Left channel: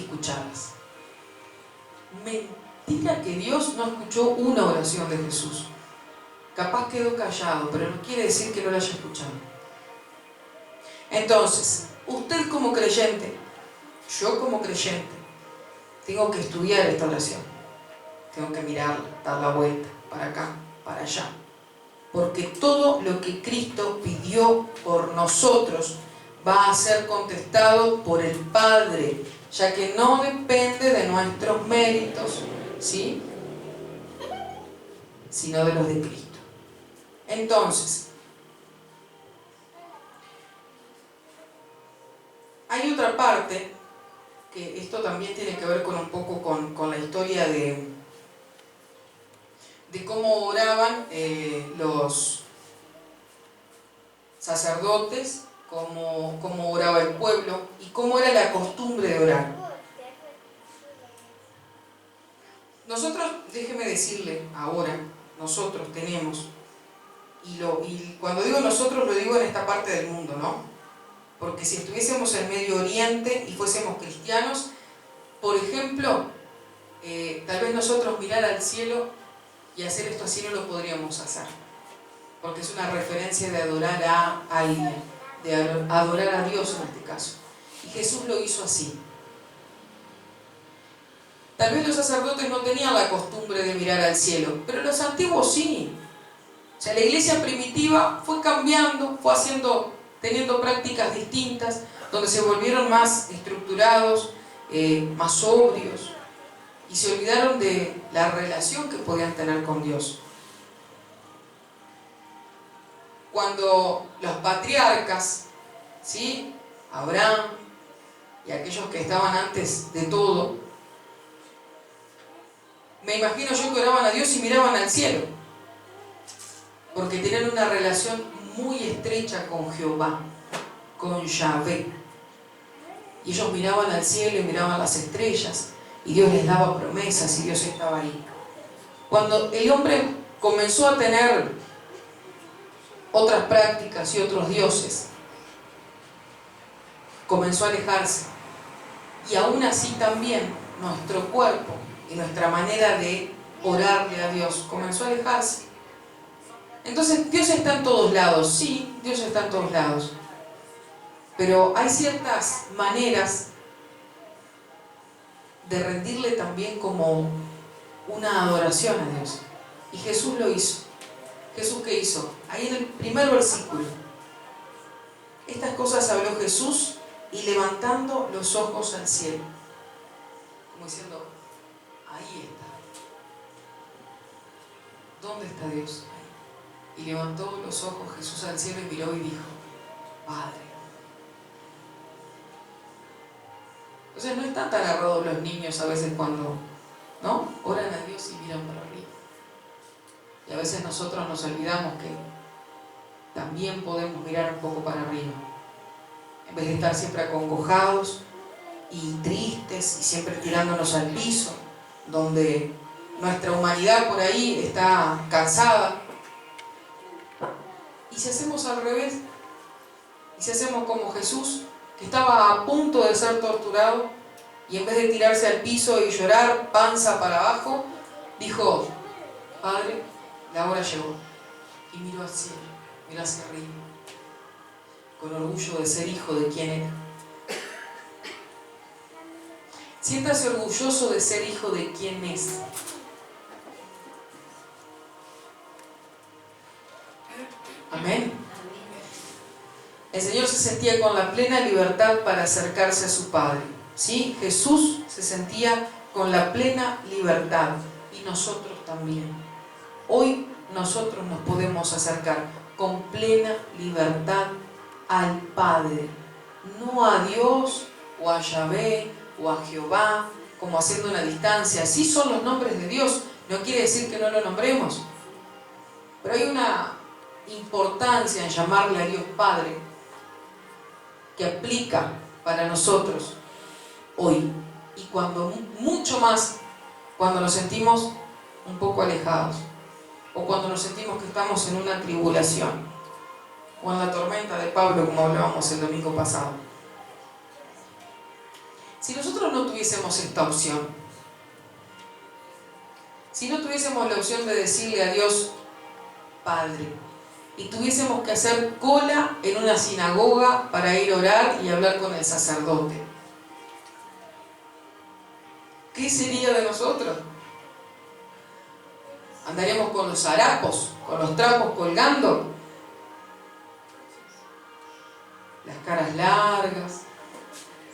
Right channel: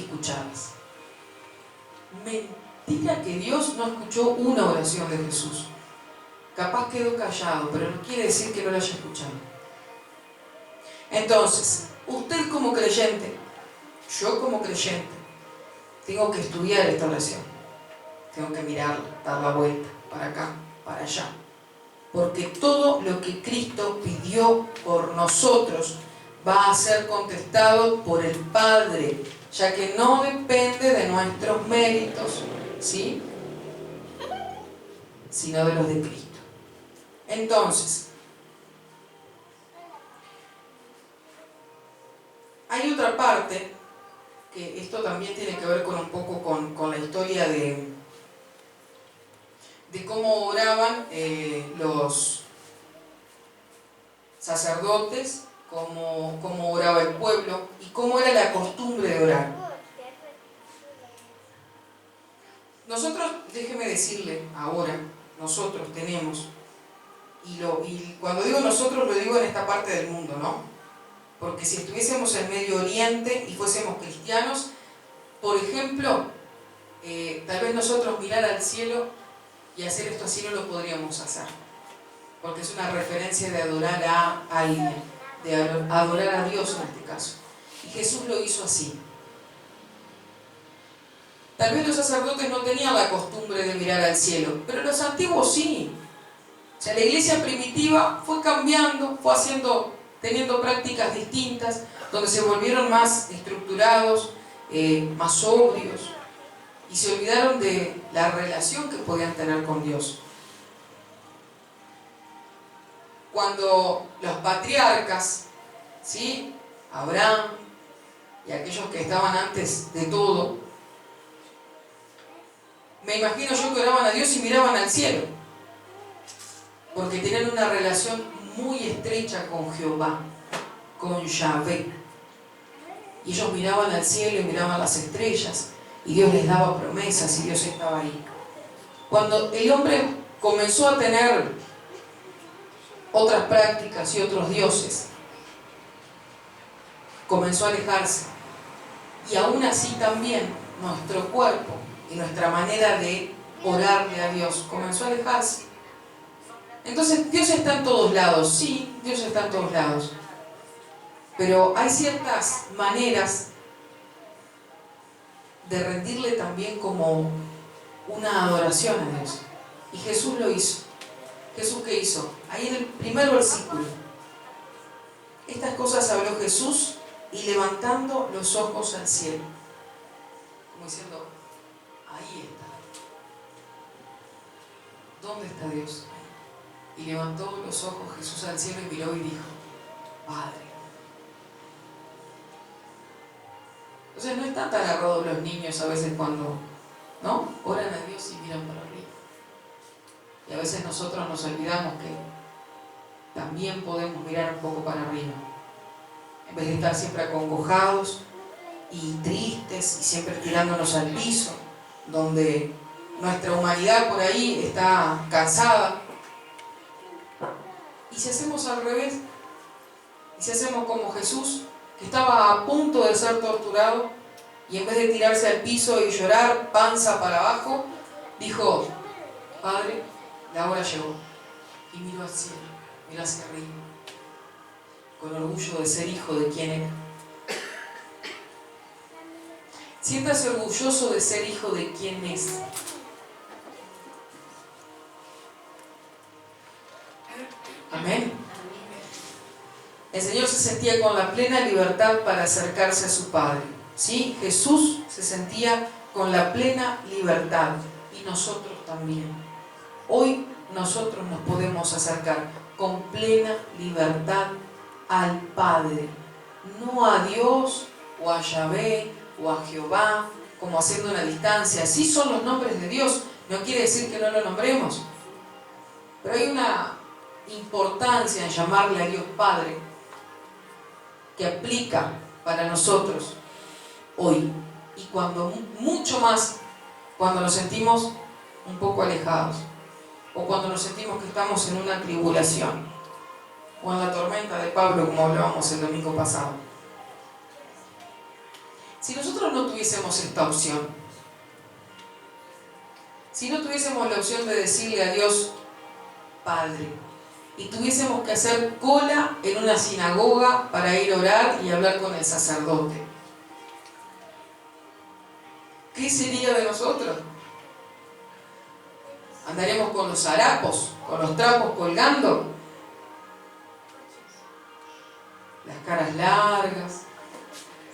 escucharlas. Mentira que Dios no escuchó una oración de Jesús. Capaz quedó callado, pero no quiere decir que no la haya escuchado. Entonces, usted como creyente, yo como creyente, tengo que estudiar esta oración. Tengo que mirarla, dar la vuelta, para acá, para allá. Porque todo lo que Cristo pidió por nosotros va a ser contestado por el Padre, ya que no depende de nuestros méritos, ¿sí?, sino de los de Cristo. Entonces, hay otra parte, que esto también tiene que ver con un poco con la historia de cómo oraban los sacerdotes, cómo oraba el pueblo y cómo era la costumbre de orar. Nosotros, déjeme decirle ahora, nosotros tenemos, y cuando digo nosotros lo digo en esta parte del mundo, ¿no? Porque si estuviésemos en Medio Oriente y fuésemos cristianos, por ejemplo, tal vez nosotros mirar al cielo y hacer esto así no lo podríamos hacer, porque es una referencia de adorar a alguien, de adorar a Dios en este caso. Y Jesús lo hizo así. Tal vez los sacerdotes no tenían la costumbre de mirar al cielo, pero los antiguos sí. O sea, la iglesia primitiva fue cambiando, fue teniendo prácticas distintas, donde se volvieron más estructurados, más sobrios, y se olvidaron de la relación que podían tener con Dios. Cuando los patriarcas, ¿sí?, Abraham y aquellos que estaban antes de todo, me imagino yo que oraban a Dios y miraban al cielo, porque tenían una relación muy estrecha con Jehová, con Yahvé. Y ellos miraban al cielo y miraban las estrellas, y Dios les daba promesas, y Dios estaba ahí. Cuando el hombre comenzó a tener otras prácticas y otros dioses, comenzó a alejarse. Y aún así también nuestro cuerpo y nuestra manera de orarle a Dios comenzó a alejarse. Entonces, Dios está en todos lados, sí, Dios está en todos lados. Pero hay ciertas maneras de rendirle también como una adoración a Dios. Y Jesús lo hizo. ¿Jesús qué hizo? Ahí en el primer versículo. Estas cosas habló Jesús y levantando los ojos al cielo. Como diciendo, ahí está. ¿Dónde está Dios? Ahí. Y levantó los ojos Jesús al cielo y miró y dijo, Padre. Entonces no están tan errados los niños a veces cuando, ¿no?, oran a Dios y miran para arriba. Y a veces nosotros nos olvidamos que también podemos mirar un poco para arriba. En vez de estar siempre acongojados y tristes y siempre tirándonos al piso, donde nuestra humanidad por ahí está cansada. Y si hacemos al revés, y si hacemos como Jesús, que estaba a punto de ser torturado, y en vez de tirarse al piso y llorar panza para abajo, dijo, Padre, la hora llegó. Y miró al cielo, miró hacia arriba, con orgullo de ser hijo de quien era. Siéntase orgulloso de ser hijo de quien es. Amén. El Señor se sentía con la plena libertad para acercarse a su Padre. ¿Sí? Jesús se sentía con la plena libertad y nosotros también. Hoy nosotros nos podemos acercar con plena libertad al Padre, no a Dios o a Yahvé o a Jehová, como haciendo una distancia. Sí son los nombres de Dios, no quiere decir que no lo nombremos, pero hay una importancia en llamarle a Dios Padre que aplica para nosotros hoy, y cuando mucho más cuando nos sentimos un poco alejados, o cuando nos sentimos que estamos en una tribulación, o en la tormenta de Pablo, como hablábamos el domingo pasado. Si nosotros no tuviésemos esta opción, si no tuviésemos la opción de decirle a Dios, Padre, y tuviésemos que hacer cola en una sinagoga para ir a orar y hablar con el sacerdote, ¿qué sería de nosotros? ¿Andaríamos con los harapos, con los trapos colgando? Las caras largas.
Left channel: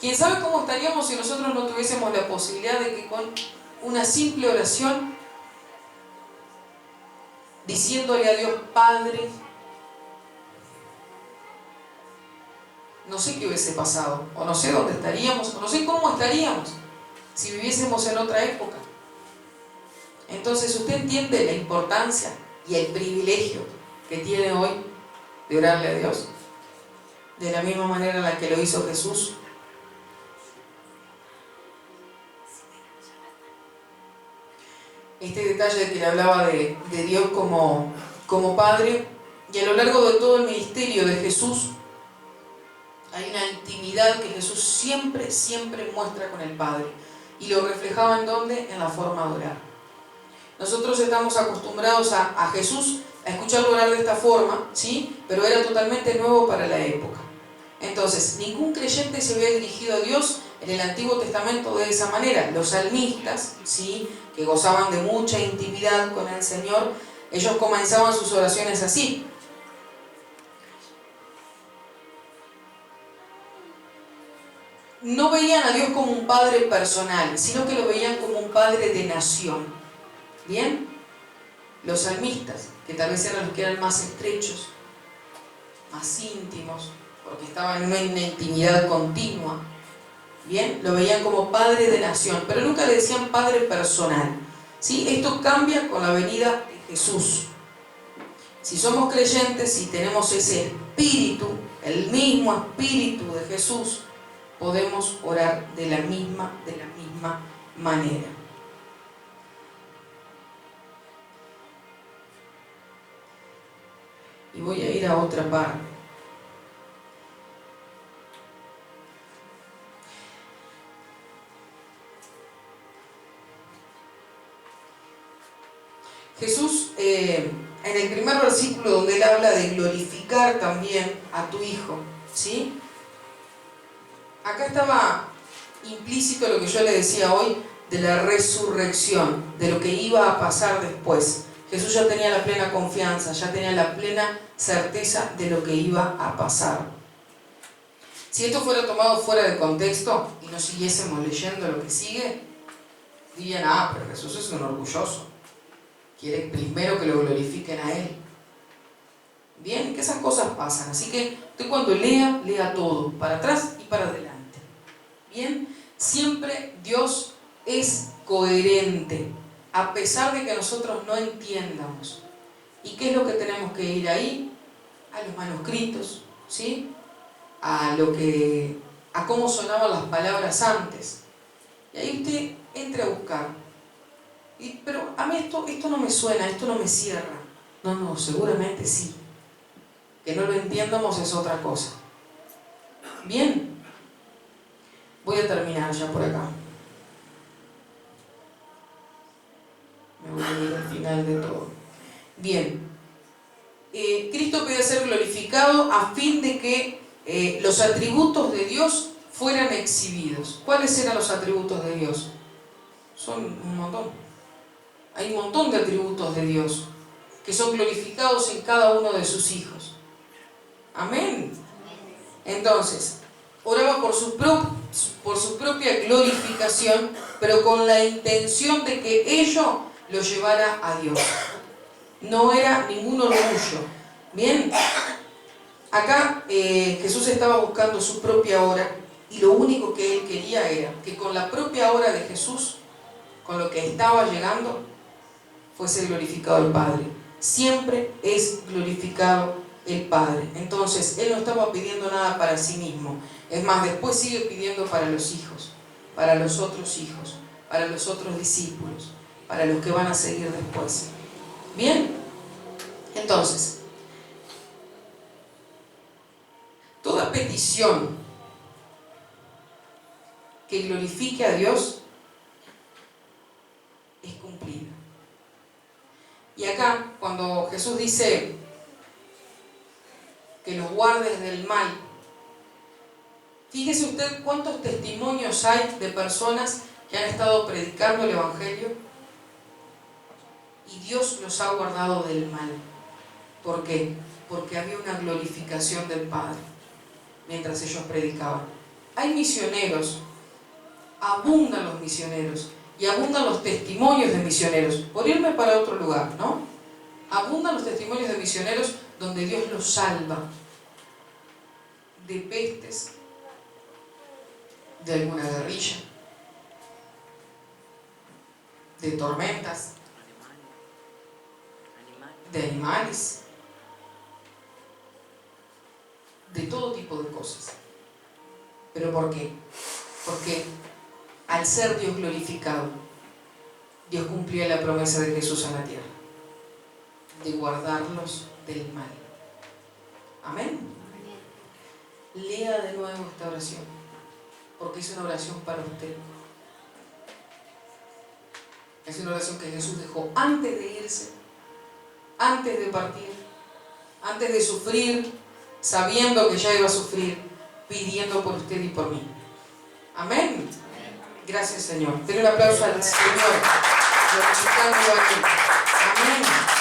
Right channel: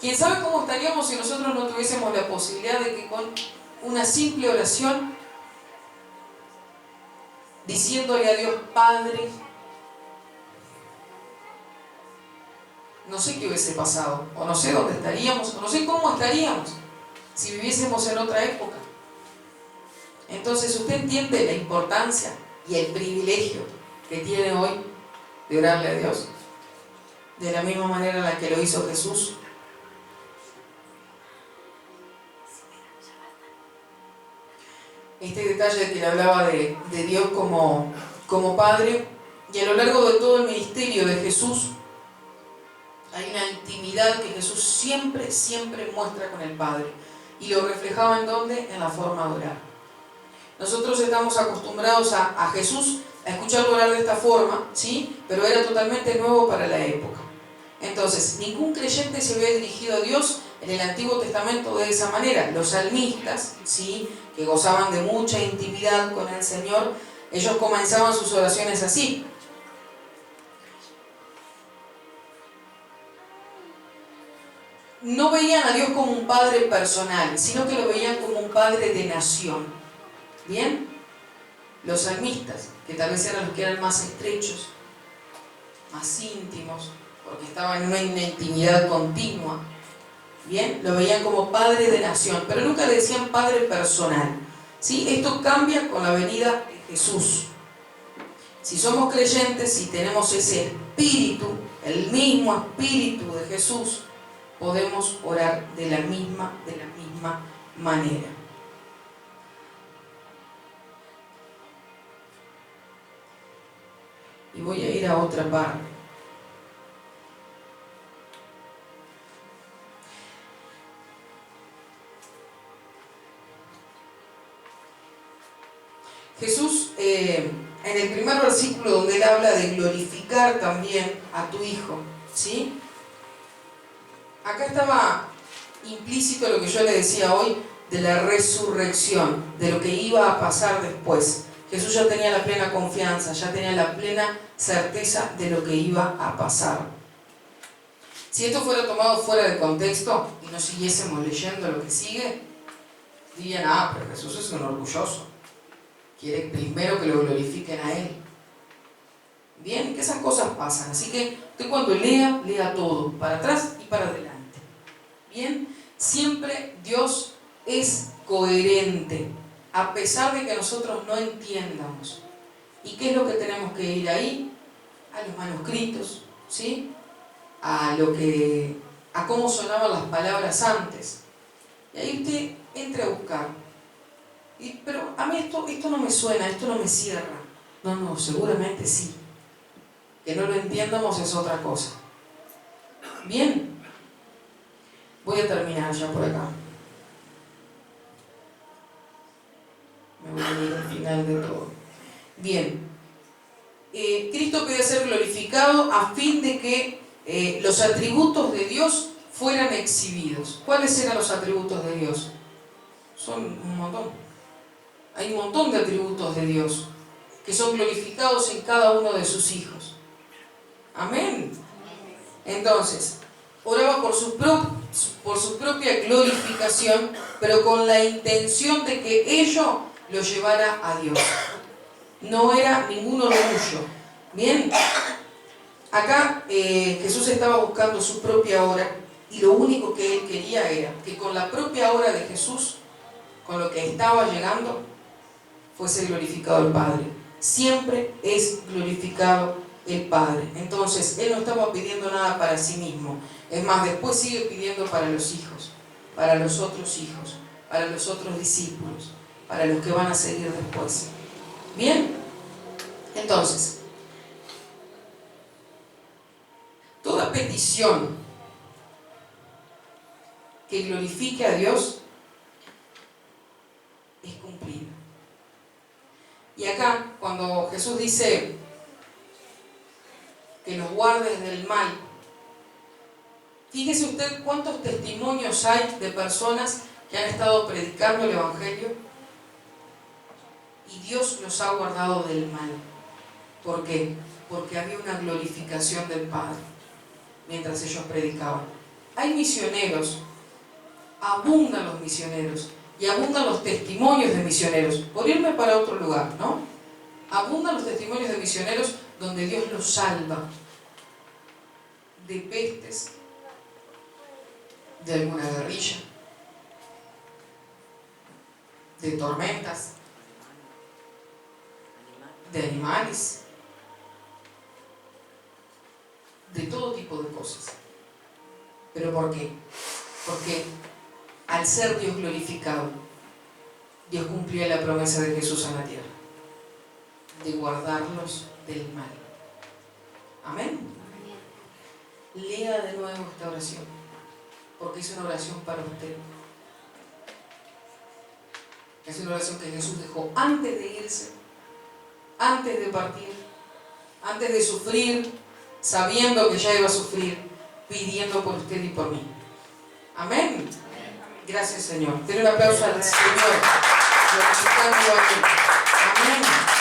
¿Quién sabe cómo estaríamos si nosotros no tuviésemos la posibilidad de que con una simple oración, diciéndole a Dios Padre, no sé qué hubiese pasado, o no sé dónde estaríamos, o no sé cómo estaríamos si viviésemos en otra época? Entonces usted entiende la importancia y el privilegio que tiene hoy de orarle a Dios, de la misma manera en la que lo hizo Jesús. Este detalle de que le hablaba de Dios como Padre, y a lo largo de todo el ministerio de Jesús hay una intimidad que Jesús siempre muestra con el Padre, y lo reflejaba ¿en dónde? En la forma de orar. Nosotros estamos acostumbrados a Jesús a escucharlo orar de esta forma, ¿sí? Pero era totalmente nuevo para la época. Entonces, ningún creyente se había dirigido a Dios en el Antiguo Testamento de esa manera. Los salmistas, ¿sí?, que gozaban de mucha intimidad con el Señor, ellos comenzaban sus oraciones así. No veían a Dios como un padre personal, sino que lo veían como un padre de nación. ¿Bien? Los salmistas, que tal vez eran los que eran más estrechos, más íntimos, porque estaban en una intimidad continua, ¿bien? Lo veían como padre de nación, pero nunca le decían padre personal, ¿sí? Esto cambia con la venida de Jesús. Si somos creyentes, si tenemos ese espíritu, el mismo espíritu de Jesús, podemos orar de la misma manera. Y voy a ir a otra parte. Jesús, en el primer versículo donde él habla de glorificar también a tu Hijo, ¿sí? Acá estaba implícito lo que yo le decía hoy de la resurrección, de lo que iba a pasar después. Jesús ya tenía la plena confianza, ya tenía la plena certeza de lo que iba a pasar. Si esto fuera tomado fuera de contexto y no siguiésemos leyendo lo que sigue, dirían, pero Jesús es un orgulloso, quiere primero que lo glorifiquen a Él. Bien, que esas cosas pasan, así que usted cuando lea todo, para atrás y para adelante. Bien, siempre Dios es coherente, a pesar de que nosotros no entiendamos. ¿Y qué es lo que tenemos que ir ahí? A los manuscritos, ¿sí? A cómo sonaban las palabras antes. Y ahí usted entre a buscar. Pero a mí esto no me suena, esto no me cierra. No, seguramente sí. Que no lo entiendamos es otra cosa. Bien, voy a terminar ya por acá. Me voy a ir al final de todo. Bien, Cristo podía ser glorificado a fin de que los atributos de Dios fueran exhibidos. ¿Cuáles eran los atributos de Dios? Son un montón. Hay un montón de atributos de Dios que son glorificados en cada uno de sus hijos. Amén. Entonces, oraba por su propia glorificación, pero con la intención de que ello lo llevara a Dios. No era ningún orgullo. Bien, acá Jesús estaba buscando su propia hora, y lo único que él quería era que con la propia hora de Jesús, con lo que estaba llegando, fuese glorificado el Padre. Siempre es glorificado el Padre. Entonces, él no estaba pidiendo nada para sí mismo. Es más, después sigue pidiendo para los hijos, para los otros hijos, para los otros discípulos, para los que van a seguir después. Bien, entonces, toda petición que glorifique a Dios es cumplida. Y acá, cuando Jesús dice que los guardes del mal, fíjese usted cuántos testimonios hay de personas que han estado predicando el Evangelio y Dios los ha guardado del mal. ¿Por qué? Porque había una glorificación del Padre mientras ellos predicaban. Hay misioneros, abundan los misioneros y abundan los testimonios de misioneros. Por irme para otro lugar, ¿no? Abundan los testimonios de misioneros donde Dios los salva de pestes, de alguna guerrilla, de tormentas, de animales, de todo tipo de cosas. ¿Pero por qué? Porque al ser Dios glorificado, Dios cumplía la promesa de Jesús en la tierra, de guardarlos del mal. Amén. Lea de nuevo esta oración, porque es una oración para usted. Es una oración que Jesús dejó antes de irse, antes de partir, antes de sufrir, sabiendo que ya iba a sufrir, pidiendo por usted y por mí. Amén. Gracias, Señor. Denle un aplauso al Señor, glorificando a Él. Amén.